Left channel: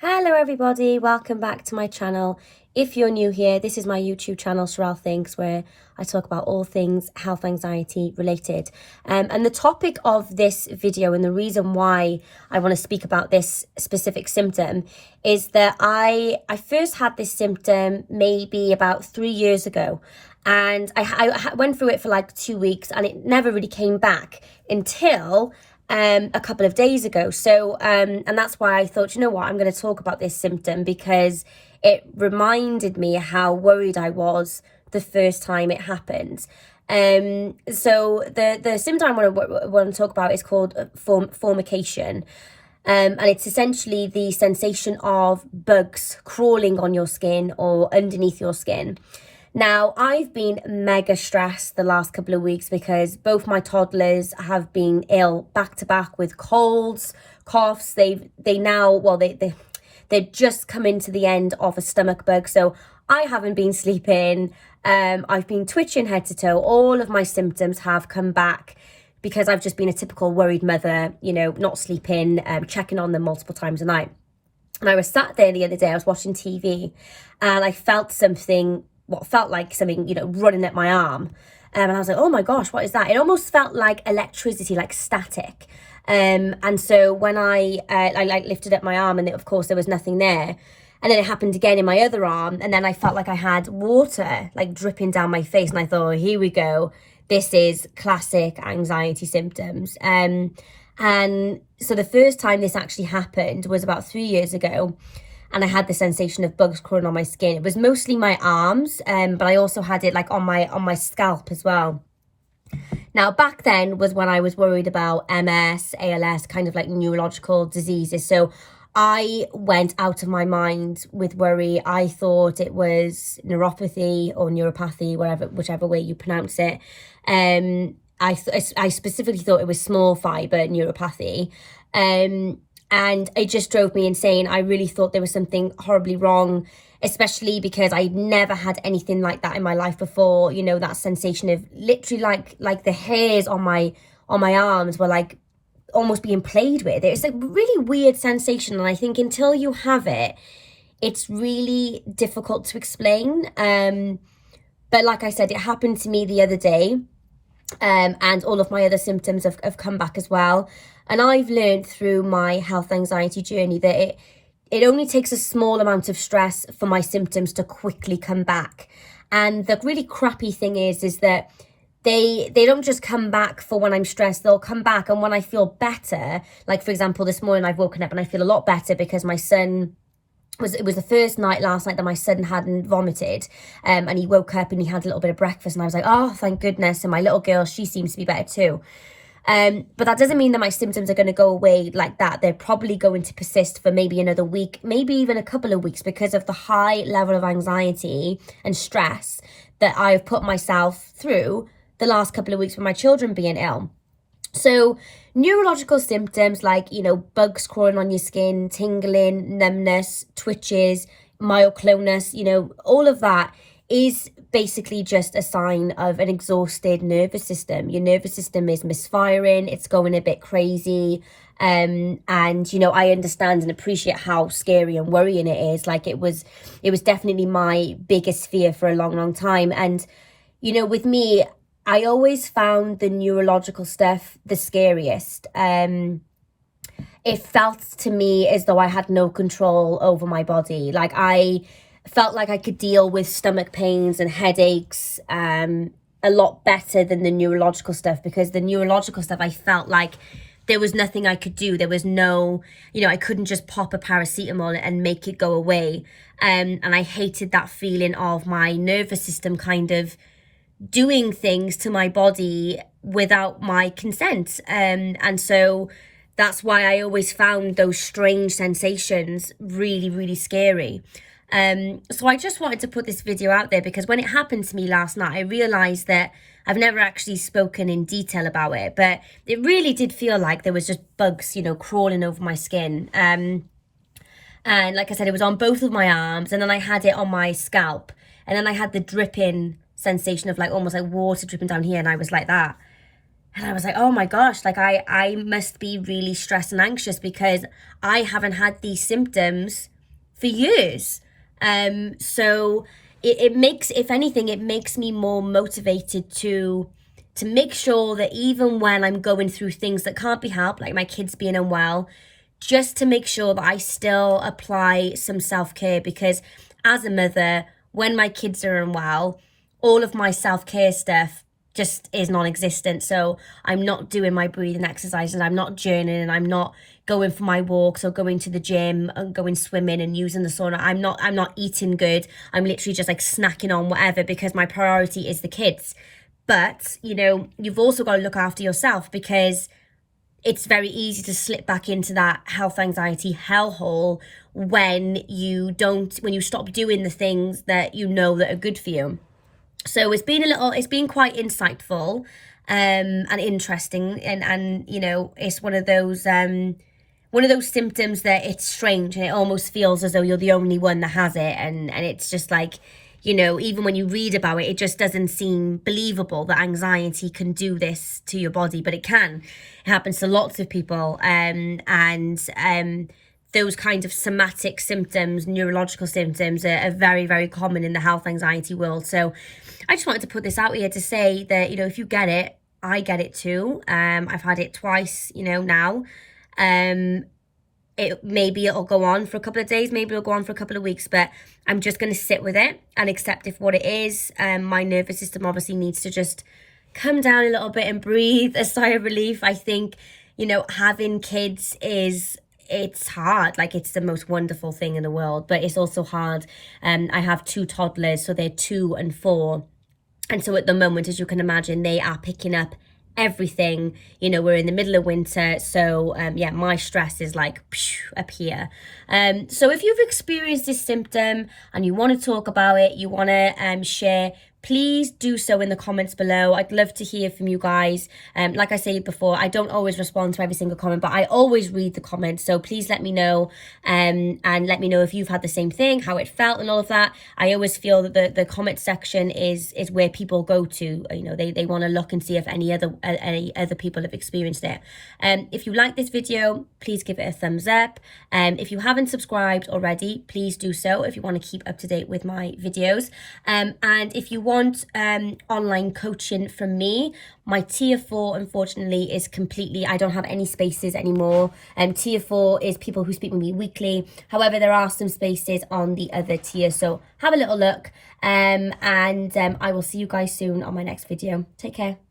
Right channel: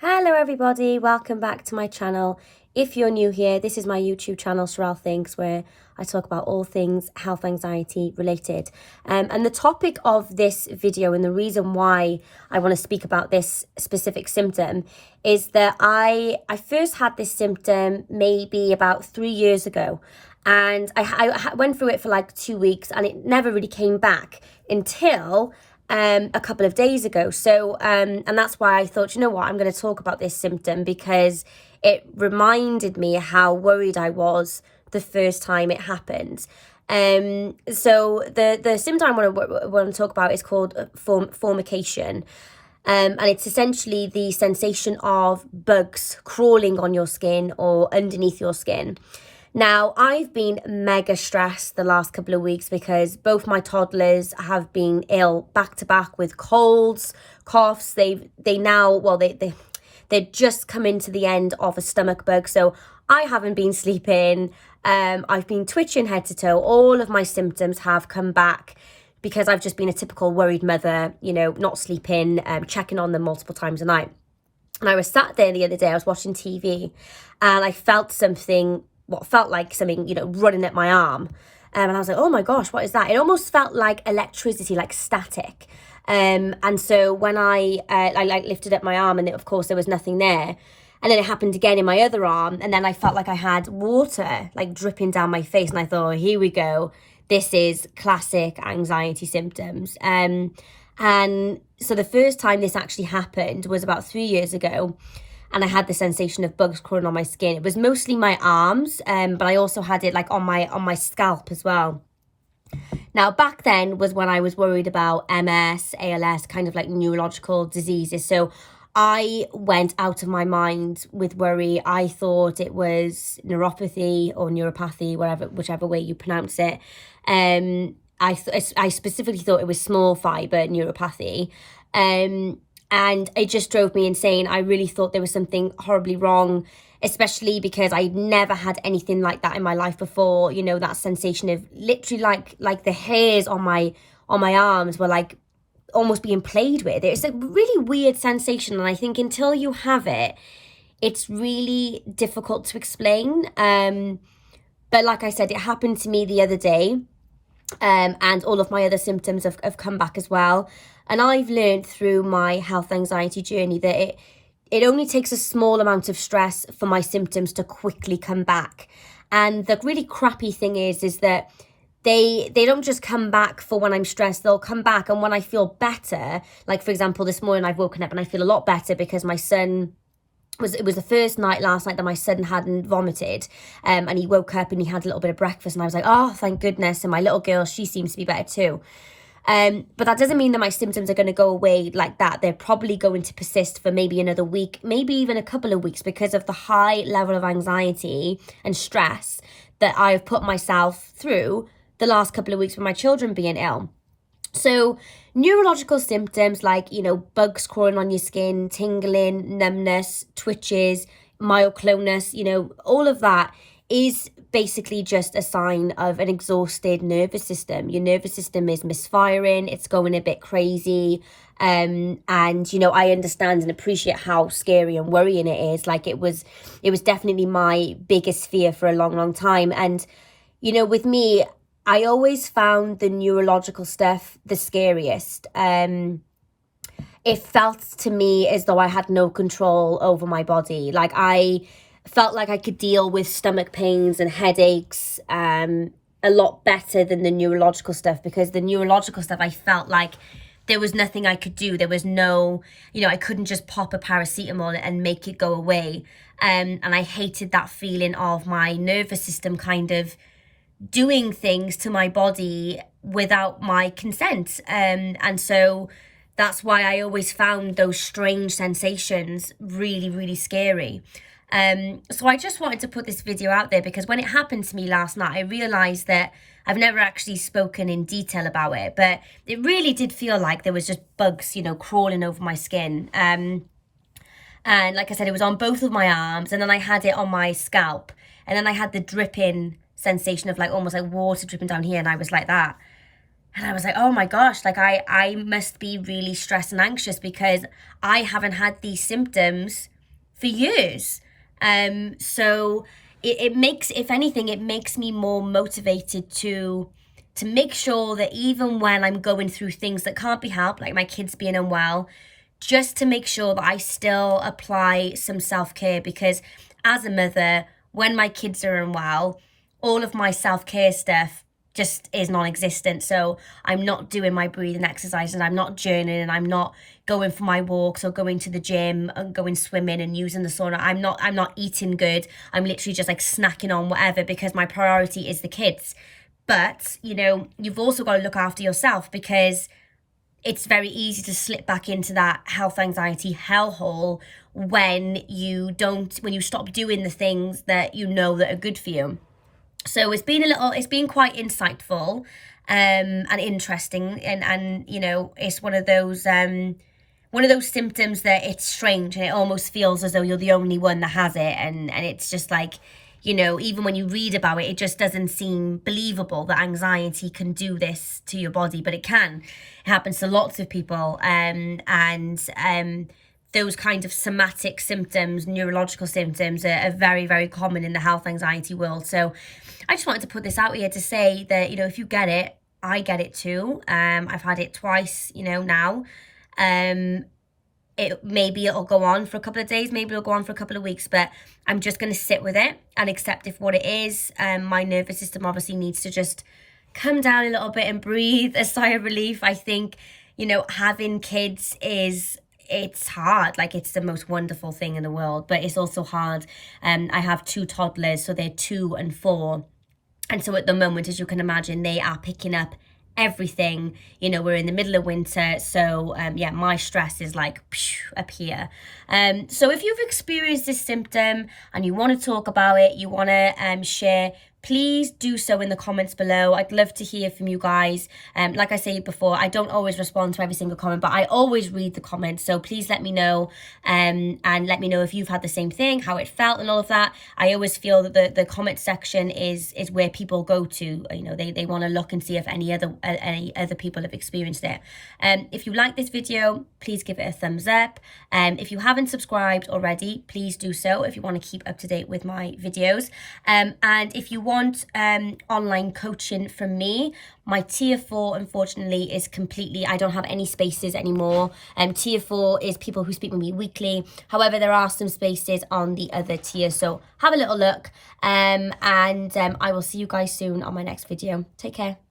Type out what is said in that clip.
Hello everybody, welcome back to my channel. If you're new here, this is my YouTube channel, Sherelle Thinks, where I talk about all things health anxiety related. And the topic of this video and the reason why I want to speak about this specific symptom is that I first had this symptom maybe about 3 years ago. And I went through it for like 2 weeks and it never really came back until a couple of days ago. So and that's why I thought, you know what, I'm going to talk about this symptom because it reminded me how worried I was the first time it happened. So the symptom I want to talk about is called formication. And it's essentially the sensation of bugs crawling on your skin or underneath your skin. Now, I've been mega stressed the last couple of weeks because both my toddlers have been ill back to back with colds, coughs. They're just come into the end of a stomach bug. So I haven't been sleeping. I've been twitching head to toe. All of my symptoms have come back because I've just been a typical worried mother, you know, not sleeping, checking on them multiple times a night. And I was sat there the other day, I was watching TV and I felt what felt like something, you know, running at my arm. And I was like, oh my gosh, what is that? It almost felt like electricity, like static. And so when I lifted up my arm and of course there was nothing there. And then it happened again in my other arm. And then I felt like I had water like dripping down my face. And I thought, oh, here we go. This is classic anxiety symptoms. And so the first time this actually happened was about 3 years ago. And I had the sensation of bugs crawling on my skin. It was mostly my arms, but I also had it like on my scalp as well. Now, back then was when I was worried about MS, ALS, kind of like neurological diseases. So I went out of my mind with worry. I thought it was neuropathy or neuropathy, whichever way you pronounce it. I specifically thought it was small fiber neuropathy. And it just drove me insane. I really thought there was something horribly wrong, especially because I'd never had anything like that in my life before. You know, that sensation of literally like the hairs on my arms were like almost being played with. It's a really weird sensation. And I think until you have it, it's really difficult to explain. But like I said, it happened to me the other day. And all of my other symptoms have come back as well. And I've learned through my health anxiety journey that it only takes a small amount of stress for my symptoms to quickly come back. And the really crappy thing is that they don't just come back for when I'm stressed. They'll come back and when I feel better. Like, for example, this morning I've woken up and I feel a lot better because my son it was the first night last night that my son hadn't vomited, and he woke up and he had a little bit of breakfast and I was like, oh, thank goodness. And my little girl, she seems to be better too. But that doesn't mean that my symptoms are going to go away like that. They're probably going to persist for maybe another week, maybe even a couple of weeks, because of the high level of anxiety and stress that I've put myself through the last couple of weeks with my children being ill. So neurological symptoms like, you know, bugs crawling on your skin, tingling, numbness, twitches, myoclonus, you know, all of that is basically just a sign of an exhausted nervous system. Your nervous system is misfiring, it's going a bit crazy. And, you know, I understand and appreciate how scary and worrying it is. Like it was definitely my biggest fear for a long, long time. And, you know, with me, I always found the neurological stuff the scariest. It felt to me as though I had no control over my body. Like I felt like I could deal with stomach pains and headaches a lot better than the neurological stuff, because the neurological stuff, I felt like there was nothing I could do. There was no, you know, I couldn't just pop a paracetamol and make it go away. And I hated that feeling of my nervous system kind of doing things to my body without my consent. And so that's why I always found those strange sensations really, really scary. So I just wanted to put this video out there because when it happened to me last night, I realized that I've never actually spoken in detail about it, but it really did feel like there was just bugs, you know, crawling over my skin. And like I said, it was on both of my arms, and then I had it on my scalp, and then I had the dripping sensation of like almost like water dripping down here, and I was like that. And I was like, oh my gosh, like I must be really stressed and anxious because I haven't had these symptoms for years. So it makes, if anything, it makes me more motivated to make sure that even when I'm going through things that can't be helped, like my kids being unwell, just to make sure that I still apply some self-care, because as a mother, when my kids are unwell, all of my self-care stuff just is non-existent. So I'm not doing my breathing exercises, I'm not journaling, and I'm not going for my walks or going to the gym and going swimming and using the sauna. I'm not eating good. I'm literally just like snacking on whatever because my priority is the kids. But, you know, you've also got to look after yourself, because it's very easy to slip back into that health anxiety hellhole when you stop doing the things that you know that are good for you. So it's been quite insightful and interesting, and you know, it's one of those symptoms that it's strange and it almost feels as though you're the only one that has it, and it's just like, you know, even when you read about it, it just doesn't seem believable that anxiety can do this to your body, but it can. It happens to lots of people, and those kind of somatic symptoms, neurological symptoms, are very, very common in the health anxiety world. So I just wanted to put this out here to say that, you know, if you get it, I get it too. I've had it twice, you know, now. Maybe it'll go on for a couple of days, maybe it'll go on for a couple of weeks, but I'm just going to sit with it and accept it for what it is. My nervous system obviously needs to just come down a little bit and breathe a sigh of relief. I think, you know, having kids it's hard. Like, it's the most wonderful thing in the world, but it's also hard. I have 2 toddlers, so they're 2 and 4. And so at the moment, as you can imagine, they are picking up everything. You know, we're in the middle of winter, so yeah, my stress is like up here. So if you've experienced this symptom and you want to talk about it, you want to share, please do so in the comments below. I'd love to hear from you guys. Like I said before, I don't always respond to every single comment, but I always read the comments. So please let me know, and let me know if you've had the same thing, how it felt and all of that. I always feel that the comment section is where people go to. You know, they want to look and see if any other people have experienced it. If you like this video, please give it a thumbs up. If you haven't subscribed already, please do so if you want to keep up to date with my videos. And if you want online coaching from me, my tier 4 unfortunately is completely, I don't have any spaces anymore. Tier 4 is people who speak with me weekly. However, there are some spaces on the other tier, so have a little look, and I will see you guys soon on my next video. Take care.